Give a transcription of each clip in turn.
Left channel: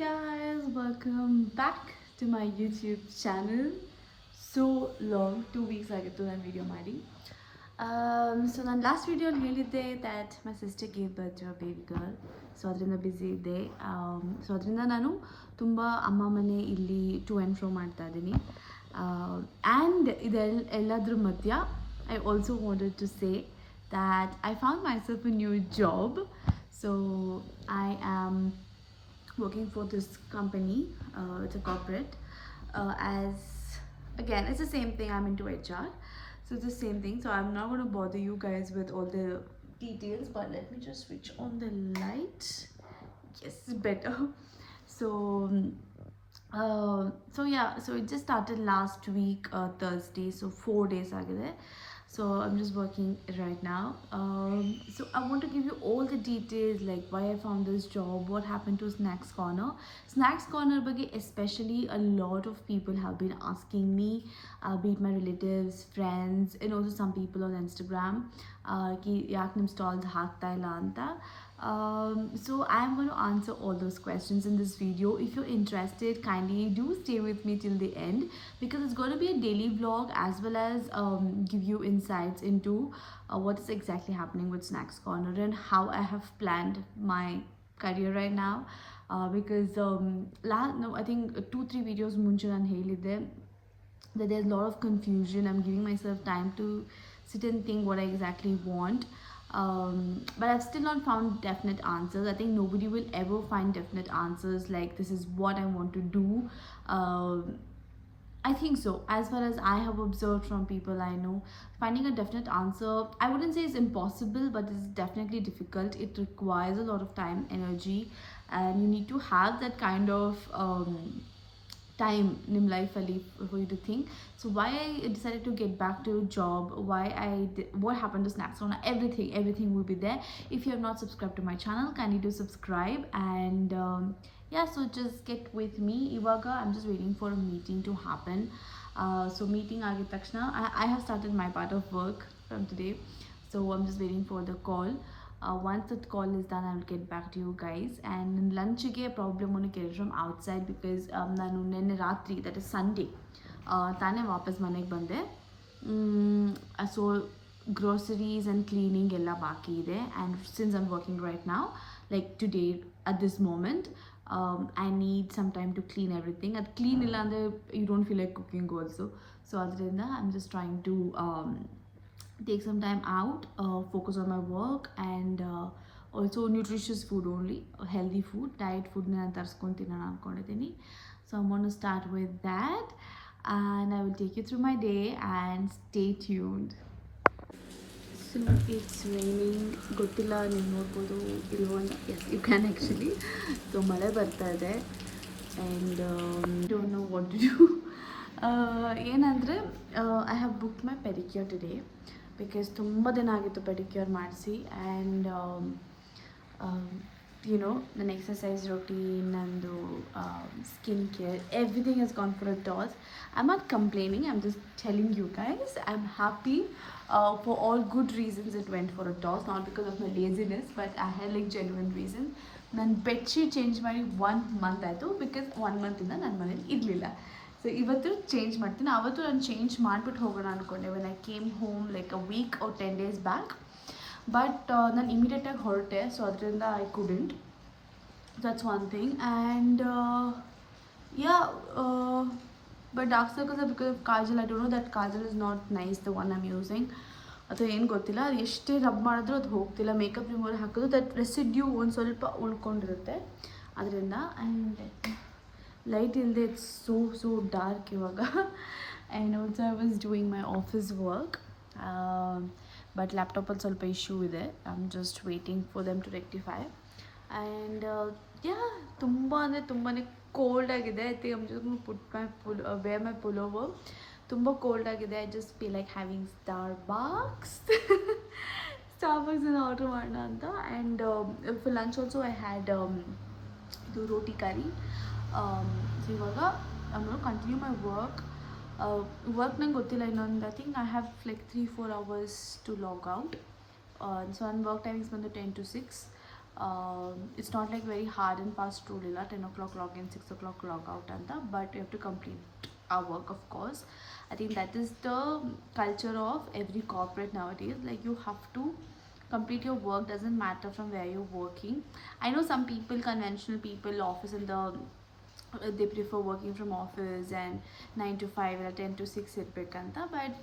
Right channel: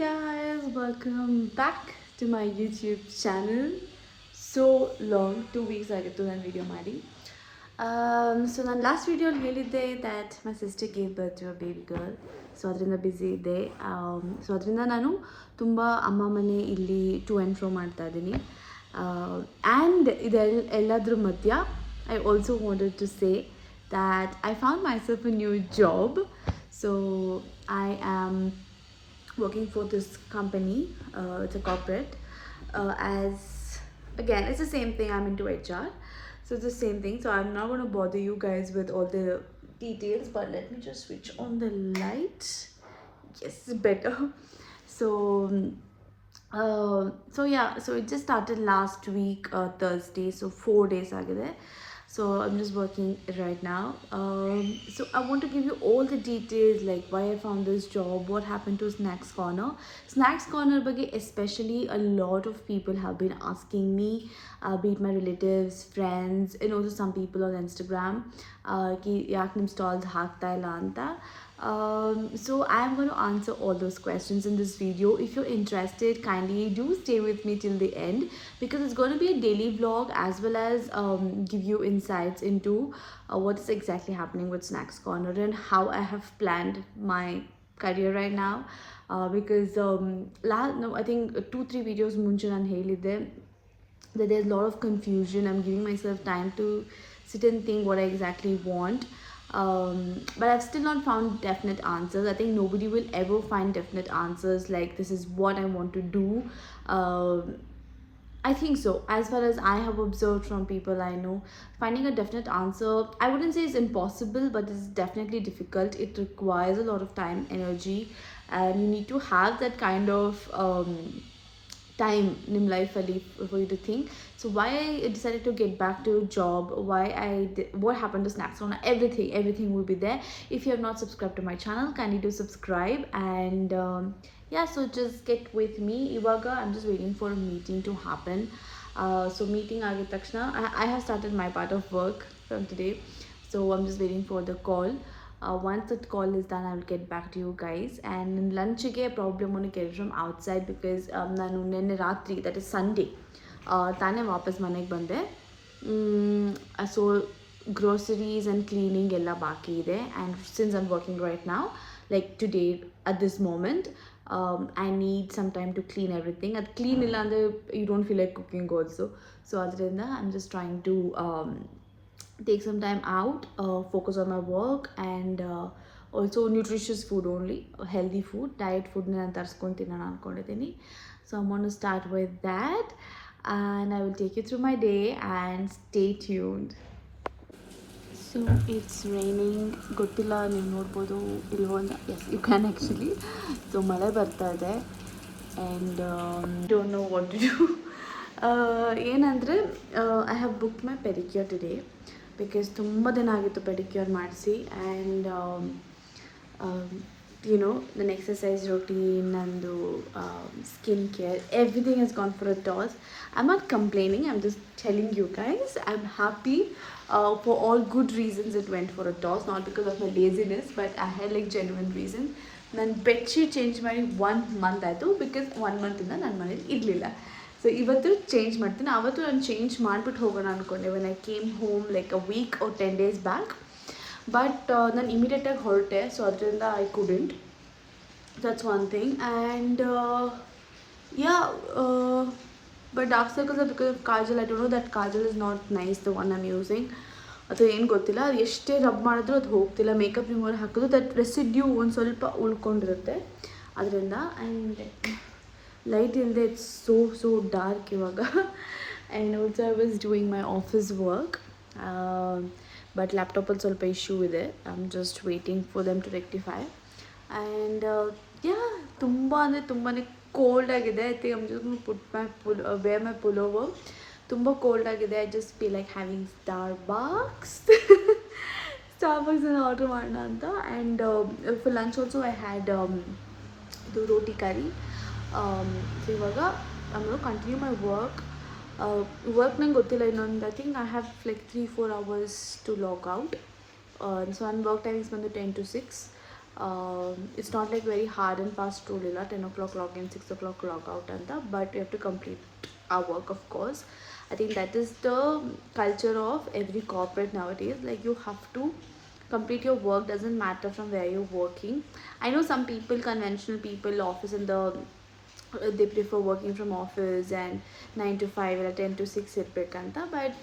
guys, welcome back to my YouTube channel. So long, 2 weeks ಆಗಿತ್ತು ನಾನು video ಮಾಡಿ. So ನನ್ನ ಲಾಸ್ಟ್ ವಿಡಿಯೋಲಿ ಹೇಳಿದ್ದೆ that my sister gave birth to a baby girl. So ಅದರಿಂದ busy ಇದ್ದೆ. ಸೊ ಅದರಿಂದ ನಾನು ತುಂಬ ಅಮ್ಮ ಮನೆ ಇಲ್ಲಿ ಟು ಆ್ಯಂಡ್ ಫ್ರೋ ಮಾಡ್ತಾ ಇದ್ದೀನಿ. ಆ್ಯಂಡ್ ಎಲ್ಲದ್ರ ಮಧ್ಯ I also wanted to say that I found myself a new job. So I am working for this company. It's a corporate. As again, it's the same thing. I'm into HR, so it's the same thing. So I'm not going to bother you guys with all the details. But let me just switch on the light. Yes, better. So. So yeah, so it just started last week Thursday, so 4 days agide. So I'm just working right now. So I want to give you all the details, like why I found this job, what happened to Snacks Corner. Snacks Corner ಬಗ್ಗೆ especially a lot of people have been asking me, be it my relatives, friends, and also some people on Instagram, ki yaak nim stalls haakta illa anta. So I'm going to answer all those questions in this video. If you're interested, kindly do stay with me till the end, because it's going to be a daily vlog as well as give you insights into what is exactly happening with Snacks Corner and how I have planned my career right now. Because I think 2-3 videos munche nan helide that there's a lot of confusion. I'm giving myself time to sit and think what I exactly want. But I've still not found definite answers. I think nobody will ever find definite answers like this is what I want to do. I think so. As far as I have observed from people I know, finding a definite answer, I wouldn't say it's impossible, but it's definitely difficult. It requires a lot of time, energy, and you need to have that kind of time in life for you to think. So why I decided to get back to a job, what happened to Snacks Corner, everything will be there. If you have not subscribed to my channel, kindly do subscribe. And yeah, so just get with me. Ivaga I'm just waiting for a meeting to happen. So meeting agid takshana I have started my part of work from today, so I'm just waiting for the call. Once that call is done, I will get back to you guys. And lunch ಗೆ problem ಒಂದು get from outside because ನಾನು ನೆನ್ನೆ ರಾತ್ರಿ, that is Sunday, ತಾನೇ ವಾಪಸ್ ಮನೆಗೆ ಬಂದೆ. So groceries and cleaning ಎಲ್ಲ ಬಾಕಿ ಇದೆ. And since I'm working right ನಾವು, like today at this moment, I need some time to clean everything. ಅದು ಕ್ಲೀನ್ ಇಲ್ಲ ಅಂದರೆ you don't feel like cooking also. So ಅದರಿಂದ I'm just trying to take some time out, focus on my work, and also nutritious food only, healthy food, diet food ನಾನು ತರಿಸ್ಕೊತೀನಿ ನಾನು ಅಂದ್ಕೊಂಡಿದ್ದೀನಿ. So I'm going to start with that, and I will take you through my day, and stay tuned. So it's raining. ಗೊತ್ತಿಲ್ಲ ನೀವು ನೋಡ್ಬೋದು ಇಲ್ವೋ, yes you can actually. So ಮಳೆ ಬರ್ತಾ ಇದೆ and don't know what to do. ಏನಂದರೆ I have booked my pedicure today because ತುಂಬ ದಿನ ಆಗಿತ್ತು ಪೆಡಿಕ್ಯೂರ್ ಮಾಡಿಸಿ. And you know, the exercise routine and the skin care, everything has gone for a toss. I'm not complaining, I'm just telling you guys I'm happy. For all good reasons it went for a toss, not because of my laziness, but I had like genuine reason. ನಾನು bedsheet change ಮಾಡಿ 1 month ಆಯಿತು, because 1 ಮಂತಿಂದ ನನ್ನ ಮನೇಲಿ ಇರಲಿಲ್ಲ. So ಇವತ್ತು change ಮಾಡ್ತೀನಿ. ಅವತ್ತು ನಾನು ಚೇಂಜ್ ಮಾಡಿಬಿಟ್ಟು ಹೋಗೋಣ ಅಂದ್ಕೊಂಡೆ when I came home like a week or 10 days back. But ನಾನು ಇಮಿಡಿಯೇಟಾಗಿ ಹೊರಟೆ, ಸೊ ಅದರಿಂದ I couldn't. That's one thing. And yeah, but dark circles are because of kajal. I don't know that kajal is not nice, the one I'm using. ಅಥವಾ ಏನು ಗೊತ್ತಿಲ್ಲ, ಅದು ಎಷ್ಟೇ rub ಮಾಡಿದ್ರೂ ಅದು ಹೋಗ್ತಿಲ್ಲ. ಮೇಕಪ್ ರಿಮೂವರ್ ಹಾಕಿದ್ರು ದಟ್ ರೆಸಿಡ್ಯೂ ಒಂದು ಸ್ವಲ್ಪ ಉಳ್ಕೊಂಡಿರುತ್ತೆ ಅದರಿಂದ. ಆ್ಯಂಡ್ ಲೈಟ್ ಇಲ್ಲದೆ ಇಟ್ಸ್ ಸೋ ಡಾರ್ಕ್ ಇವಾಗ. And also I was doing my office work, but ಲ್ಯಾಪ್ಟಾಪಲ್ಲಿ ಸ್ವಲ್ಪ ಇಶ್ಯೂ ಇದೆ. I am just waiting for them to rectify. And yeah, ತುಂಬ ಅಂದರೆ ತುಂಬಾ ಕೋಲ್ಡ್ ಆಗಿದೆ. I think I'm just put my wear my pullover. ತುಂಬ cold ಆಗಿದೆ. I just feel like having Starbucks order ಮಾಡೋಣ ಅಂತ. And for lunch also I had ಇದು ರೋಟಿ ಕರಿ. So ಇವಾಗ ನಾನು ಕಂಟಿನ್ಯೂ ಮೈ ವರ್ಕ್. ನಂಗೆ ಗೊತ್ತಿಲ್ಲ ಇನ್ನೊಂದು, I think I have like 3-4 hours to log out. So ನನ್ನ ವರ್ಕ್ ಟೈಮಿಂಗ್ಸ್ ಬಂದು 10 to 6. It's not like very hard and fast rule ಇಲ್ಲ 10 o'clock log in 6 o'clock log out ಅಂತ, but we have to complete our work, of course. I think that is the culture of every corporate nowadays. Like, you have to complete your work, doesn't matter from where you're working. I know some people, conventional people, office in the they prefer working from office and 9 to 5 ಇಲ್ಲ 10 to 6 ಇರಬೇಕಂತ, but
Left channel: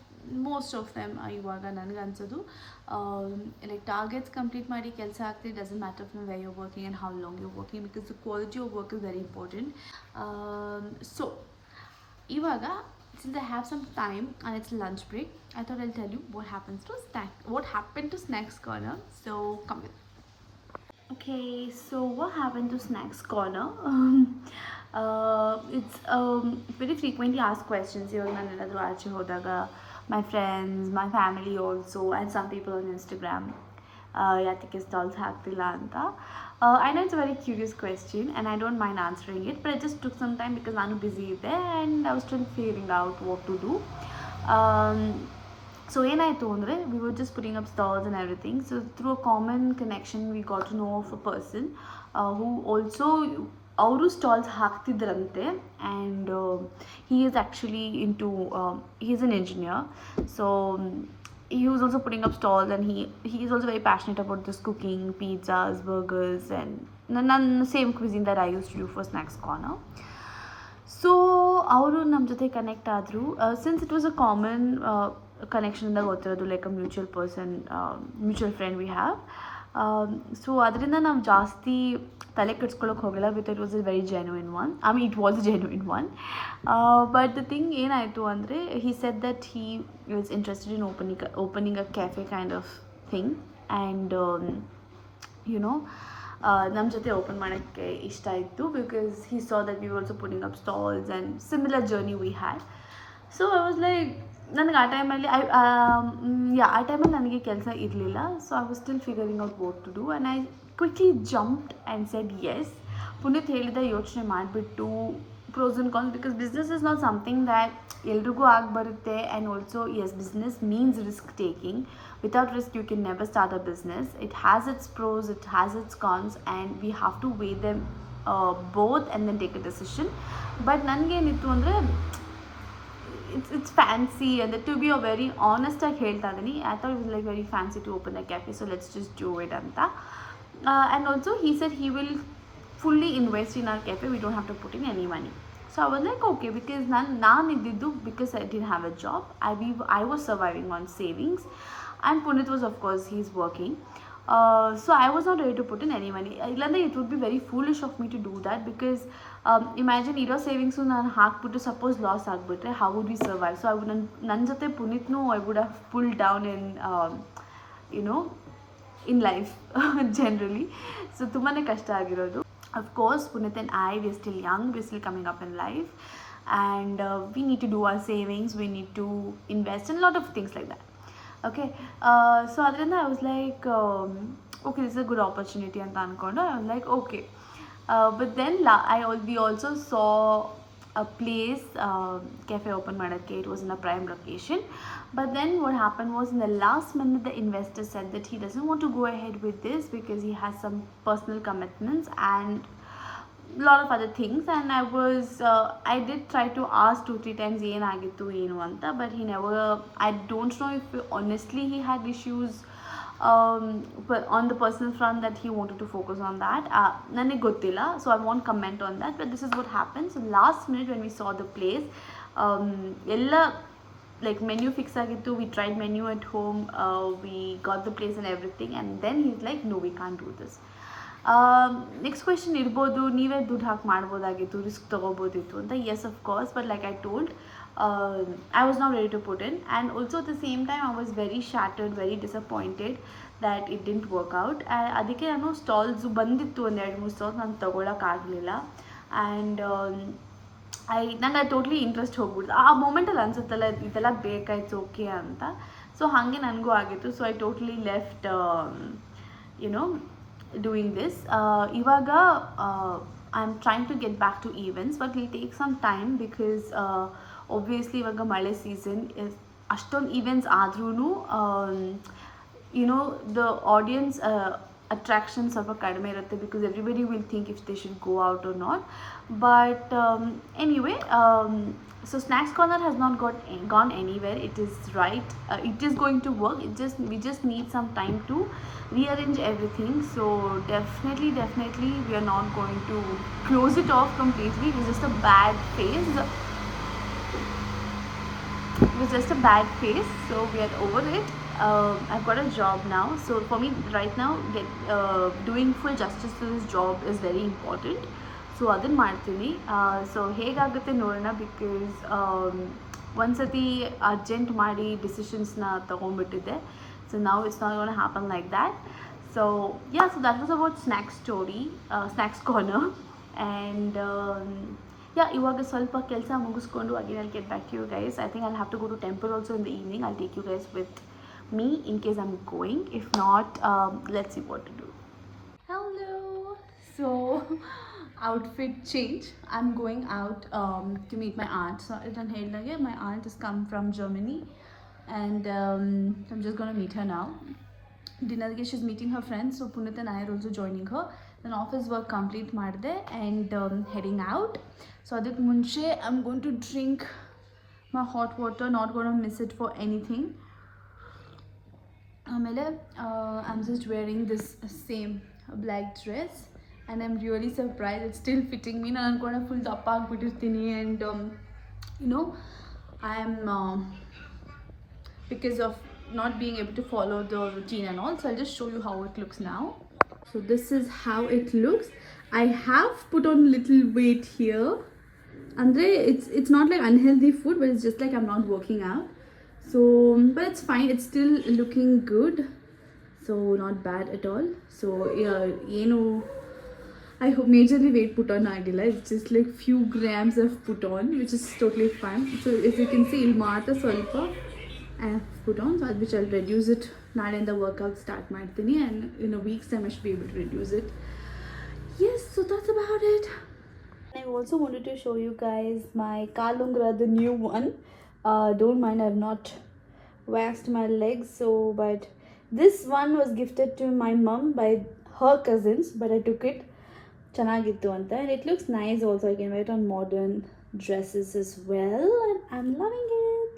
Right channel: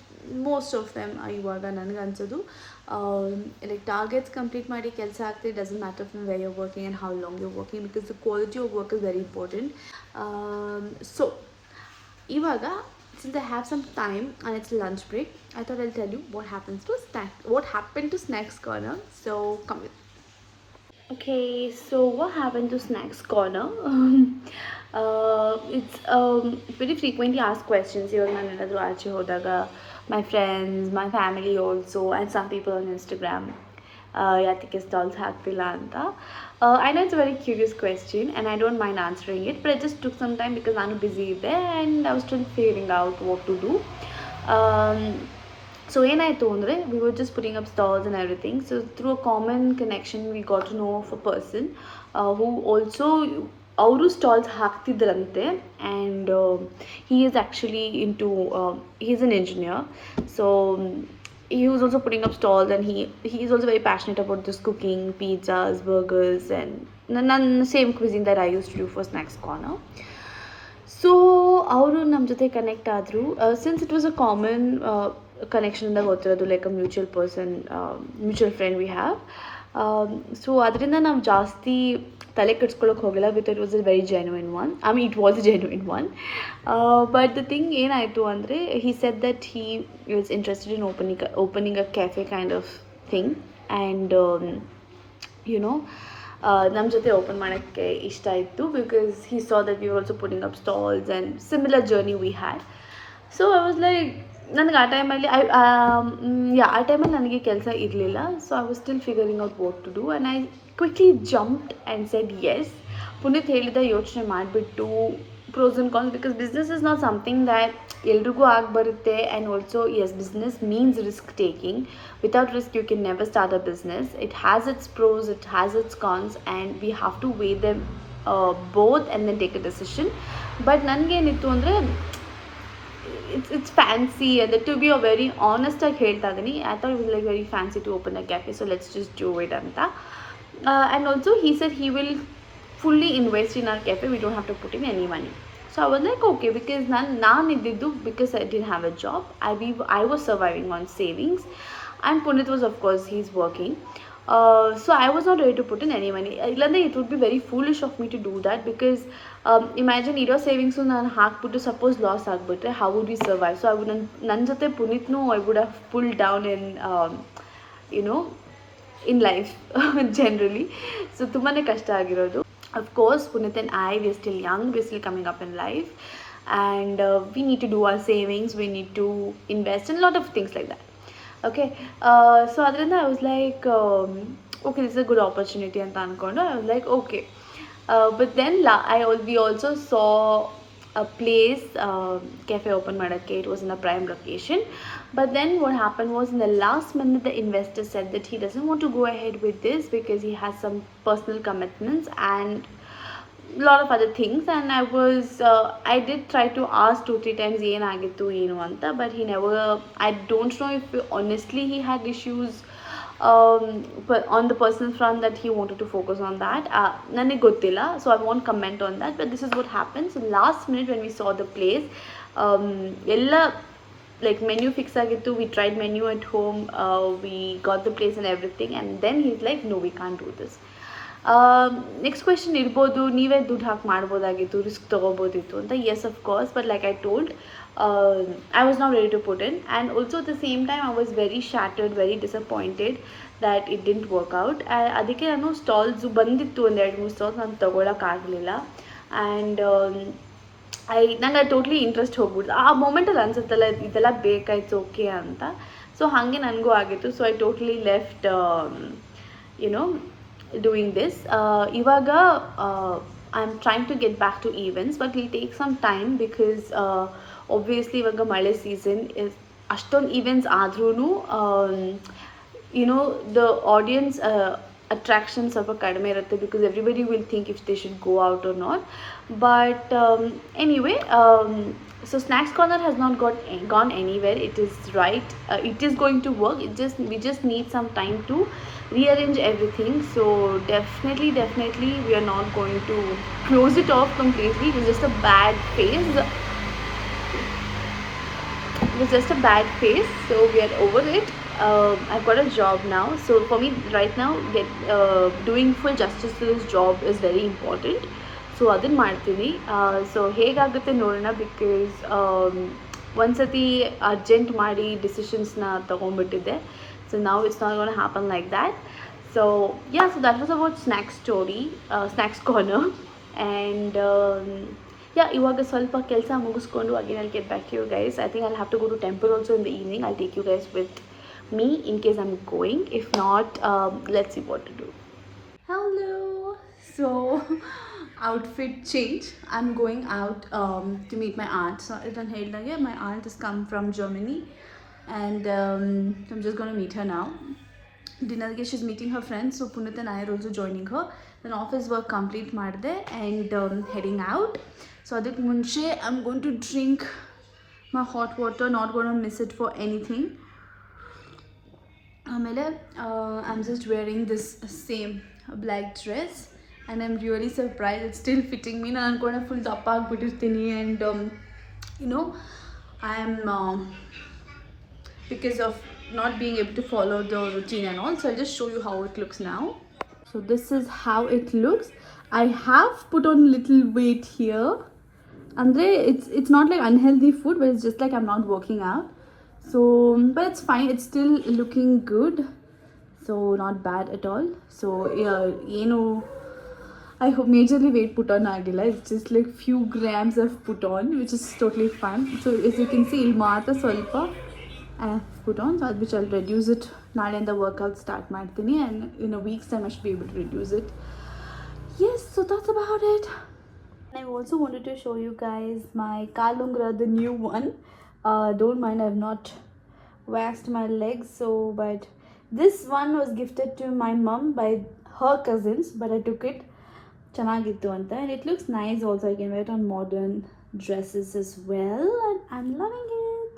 most of them ಇವಾಗ ನನಗೆ ಅನ್ಸೋದು like targets complete ಮಾಡಿ ಕೆಲಸ ಆಗ್ತಿದೆ, doesn't matter from where your working and how long your working, because the quality of work is very important. So ಇವಾಗ, since I have some time and it's lunch break, I thought I'll tell you what happened to Snacks Corner. So come with. Okay, so what happened to Snacks Corner? It's very frequently asked questions. Even my friends, my family also, and some people on Instagram. Yatike stalls haktilla anta. I know it's a very curious question, and I don't mind answering it, but it just took some time because I'm busy there and I was still figuring out what to do. So ಏನಾಯಿತು ಅಂದರೆ, we were just putting up stalls and everything. So through a common connection we got to know of a person who also ಅವರು stalls ಹಾಕ್ತಿದ್ರಂತೆ, and he is actually into he is an engineer. So he was also putting up stalls, and he is also very passionate about this cooking, pizzas, burgers, and same cuisine that I used to do for Snacks Corner. So ಅವರು ನಮ್ಮ ಜೊತೆ connect ಆದರು. Since it was a common ಕನೆಕ್ಷನಿಂದ ಗೊತ್ತಿರೋದು, like a mutual friend we have. So ಅದರಿಂದ ನಾವು ಜಾಸ್ತಿ ತಲೆ ಕೆಡ್ಸ್ಕೊಳ್ಳೋಕೆ ಹೋಗಿಲ್ಲ, but it was a very genuine one. I mean, it was a genuine one. But the thing ಏನಾಯಿತು ಅಂದರೆ, he said that he was interested in opening a cafe kind of thing, and you know ನಮ್ಮ ಜೊತೆ open ಮಾಡೋಕ್ಕೆ ಇಷ್ಟ ಇತ್ತು, because he saw that we also putting up stalls and similar journey we had. So I was like, ನನಗೆ ಆ ಟೈಮಲ್ಲಿ ಆ ಟೈಮಲ್ಲಿ ನನಗೆ ಕೆಲಸ ಇರಲಿಲ್ಲ. So I was still figuring out what to do, and I quickly jumped and said yes. Puneeth ಹೇಳಿದ ಯೋಚನೆ ಮಾಡಿಬಿಟ್ಟು pros and cons, because business is not something that ಎಲ್ರಿಗೂ ಆಗಿ ಬರುತ್ತೆ. And also yes, business means risk taking. Without risk you can never start a business. It has its pros, it has its cons, and we have to weigh them both and then take a decision. But ನನಗೇನಿತ್ತು ಅಂದರೆ, it's fancy, and to be a very honest ಆಗಿ ಹೇಳ್ತಾ ಇದ್ದೀನಿ, I thought it was like very fancy to open a cafe, so let's just do it ಅಂತ. And also he said he will fully invest in our cafe, we don't have to put in any money. So I was like, okay, because ನಾನು ಇದ್ದಿದ್ದು, because I didn't have a job, I was surviving on savings, and Punit was, of course, he's working. So I was not ready to put in any money. It would be very foolish of me to do that, because imagine ಇರೋ savings ನಾನು ಹಾಕ್ಬಿಟ್ಟು suppose loss ಆಗಿಬಿಟ್ರೆ, how would we survive? So I would, ನನ್ನ ಜೊತೆ ಪುನೀತ್ನು I would have pulled down in life generally. So ತುಂಬಾ ಕಷ್ಟ ಆಗಿರೋದು. Of course, Punit and I, we're still young, we're still coming up in life, and we need to do our savings, we need to invest in a lot of things like that. Okay, so ಅದರಿಂದ I was like, okay, this is a good opportunity ಅಂತ ಅಂದ್ಕೊಂಡು I was like, okay. But then we also saw a place, cafe open ಮಾಡೋಕ್ಕೆ. It was in a prime location. But then what happened was, in the last minute the investor said that he doesn't want to go ahead with this because he has some personal commitments and lot of other things. And I did try to ask 2-3 times ಏನಾಗಿತ್ತು ಏನು ಅಂತ, but he never, I don't know if honestly he had issues on the personal front that he wanted to focus on that. ನನಗೆ ಗೊತ್ತಿಲ್ಲ, so I won't comment on that, but this is what happened. So last minute when we saw the place, ಎಲ್ಲ like menu fix ಆಗಿತ್ತು, we tried menu at home, we got the place and everything, and then he's like, no, we can't do this. Next question ಇರ್ಬೋದು, ನೀವೇ ದುಡ್ಡು ಹಾಕಿ ಮಾಡ್ಬೋದಾಗಿತ್ತು, risk ತೊಗೋಬೋದಿತ್ತು ಅಂತ. Yes, of course, but like I told, I was not ready to put in, and also at the same time I was very shattered, very disappointed that it didn't work out. ಅದಕ್ಕೆ ನಾನು stalls ಬಂದಿತ್ತು, 1-2 stalls ನಾನು ತೊಗೊಳಕ್ಕಾಗಲಿಲ್ಲ. And ನಂಗೆ totally interest ಹೋಗ್ಬಿಡ್ತು ಆ ಮೂಮೆಂಟಲ್ಲಿ. ಅನ್ಸುತ್ತಲ್ಲ, ಇದೆಲ್ಲ ಬೇಕಾಯ್ತು okay ಅಂತ. ಸೊ ಹಾಗೆ ನನಗೂ ಆಗಿತ್ತು. So I totally left doing this. Ivaga, I'm trying to get back to events, but it'll take some time because obviously ivaga male season is ashton events adrunu, the audience attraction ಸ್ವಲ್ಪ ಕಡಿಮೆ ಇರುತ್ತೆ, because everybody will think if they should go out or not. But anyway, so snacks corner has not gone anywhere. It is right, it is going to work. We just need some time to rearrange everything. So definitely we are not going to close it off completely. It is just a bad phase. It was just a bad phase, so we are over it. I've got a job now, so for me right now, doing full justice to this job is very important. So ಅದನ್ನು ಮಾಡ್ತೀನಿ. So ಹೇಗಾಗುತ್ತೆ ನೋಡೋಣ, because ಒಂದ್ಸತಿ urgent ಮಾಡಿ ಡಿಸಿಷನ್ಸ್ನ ತೊಗೊಂಡ್ಬಿಟ್ಟಿದ್ದೆ. So ನಾವು it's not gonna happen like that. So yeah, so that was about snacks story, snacks corner. And yeah, ಇವಾಗ ಸ್ವಲ್ಪ ಕೆಲಸ ಮುಗಿಸ್ಕೊಂಡು again I'll get back to you guys. I think I'll have to go to temple also in the evening. I'll take you guys with me in case I'm going. If not, let's see what to do. Hello. So outfit change. I'm going out to meet my aunt. So ಇದನ್ನು ಹೇಳಿದಾಗೆ my aunt has come from Germany, and I'm just going to meet her now. Dinnerಗೆ she's meeting her friends, so Punit and I are also joining her. Then office work complete ಮಾಡಿದೆ and heading out. So ಅದಕ್ಕೆ ಮುಂಚೆ I'm going to drink my hot water, not going to miss it for anything. ಆಮೇಲೆ I'm just wearing this same black dress and I'm really surprised it's still fitting me. ನಾನು ಅನ್ಕೊಂಡೆ full ದಪ್ಪ ಆಗಿಬಿಟ್ಟಿರ್ತೀನಿ, and you know, I'm because of not being able to follow the routine and all. So I'll just show you how it looks now. So this is how it looks. I have put on little weight here. Andre, it's not like unhealthy food, but it's just like I'm not working out. So, but it's fine. It's still looking good. So not bad at all. So yeah, you know, I hope majorly weight put on agilla. It's just like few grams of put on, which is totally fine. So as you can see, ilmata solpa I have put on, so which I'll reduce it. Now in the workout start ಮಾಡ್ತೀನಿ, and in a week's time I should be able to reduce it. Yes, so that's about it. I also wanted to show you guys my Kalungra, the new one. Don't mind, I've not waxed my legs, so but this one was gifted to my mom by her cousins, but I took it. Chanagittu anta, and it looks nice also. I can wear it on modern dresses as well, and I'm loving it.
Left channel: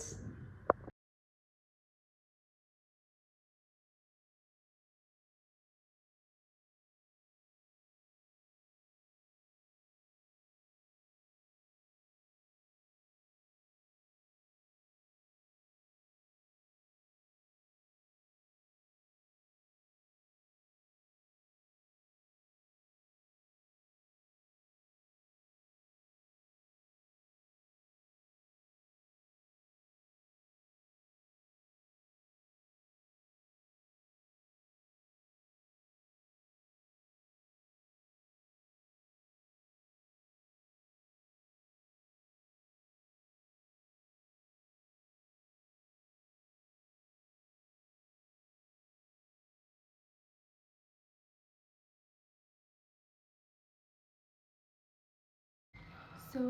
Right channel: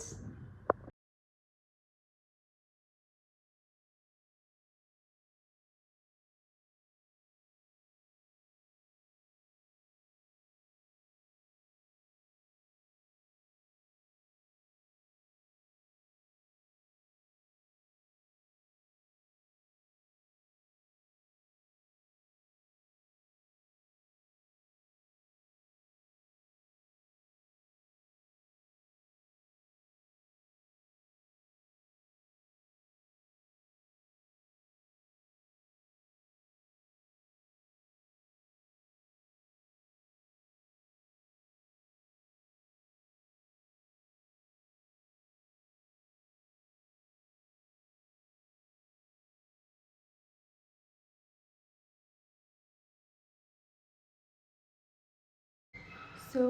So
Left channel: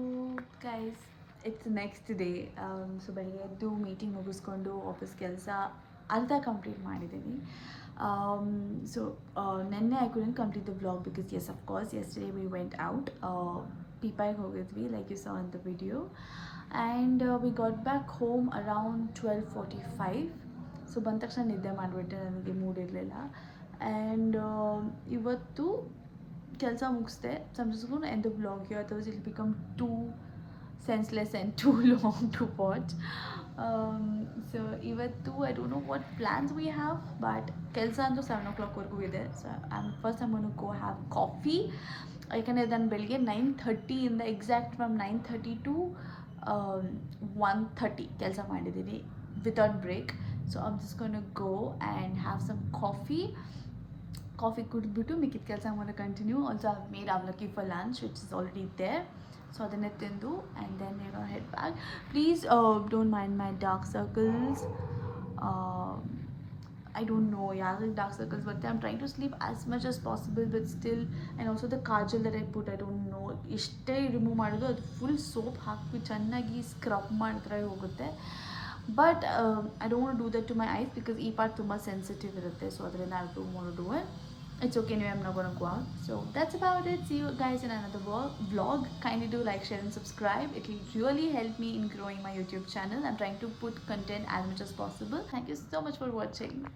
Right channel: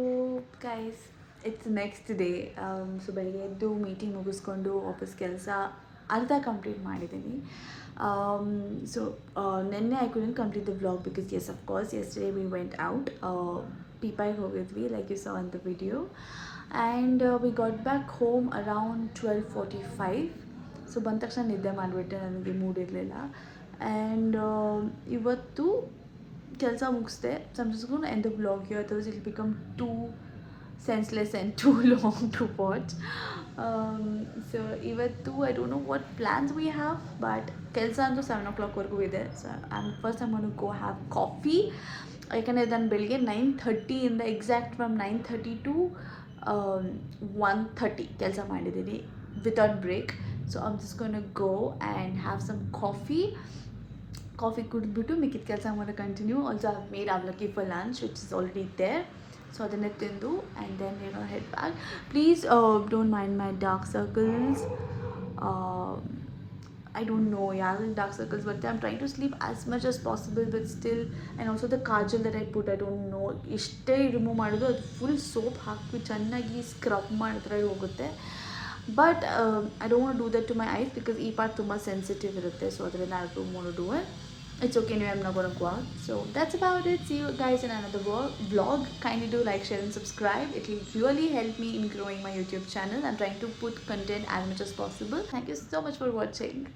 guys, it's next day. So ಬೆಳಿಗ್ಗೆ ಎದ್ದು meeting ಮುಗಿಸ್ಕೊಂಡು office ಕೆಲಸ ಅರ್ಧ complete ಮಾಡಿದ್ದೀನಿ. So ನೆನ್ನೆ I couldn't complete the vlog because as of course yesterday we went out. ಪೀಪಾಯಿಗೆ ಹೋಗಿದ್ವಿ, like you saw in the video, and we got back home around 12:45. So ಬಂದ ತಕ್ಷಣ ನಿದ್ದೆ ಮಾಡಿಬಿಟ್ಟೆ, ನನಗೆ ಮೂಡ್ ಇರಲಿಲ್ಲ. ಆ್ಯಂಡ್ ಇವತ್ತು ಕೆಲಸ ಮುಗಿಸ್ದೆ. So I'm just going to end the vlog here, otherwise it will become too senseless and too long to watch. So ಇವತ್ತು I don't know what plans we have, but ಕೆಲಸ ಅಂತೂ 7 o'clockವರೆಗೂ ಇದೆ. So I'm going to go have coffee. ಯಾಕಂದರೆ ನಾನು ಬೆಳಿಗ್ಗೆ 9:30 ಇಂದ exact from 9:30 to 1:30 ಕೆಲಸ ಮಾಡಿದ್ದೀನಿ without break. So I'm just going to go and have some coffee ಕುಡಿದ್ಬಿಟ್ಟು ಮಿಕ್ಕಿದ ಕೆಲಸ ಮಾಡೋದು continue. Also I made avalakki for lunch which is already there. So ಅದನ್ನೇ ತಿಂದು and then head back. Please don't mind my dark circles. I don't know, yeah, dark circles, but I'm trying to sleep as much as possible, but still. And also the kajal that I put, I don't know, ಇಷ್ಟೇ remove ಮಾಡೋದು, ಅದು full soap ಹಾಕಿ ಚೆನ್ನಾಗಿ scrub ಮಾಡಿದ್ರೆ ಹೋಗುತ್ತೆ. But I don't want do that to my eyes because ಈ part ತುಂಬ sensitive ಇರುತ್ತೆ. ಸೊ ಅದರಿಂದ I don't want to do it. It's okay anyway, I'm not gonna go out. So that's about it. See you guys in another vlog. Kindly do like, share, and subscribe. It will really help me in growing my YouTube channel. I'm trying to put content as much as possible. Thank you so much for watching.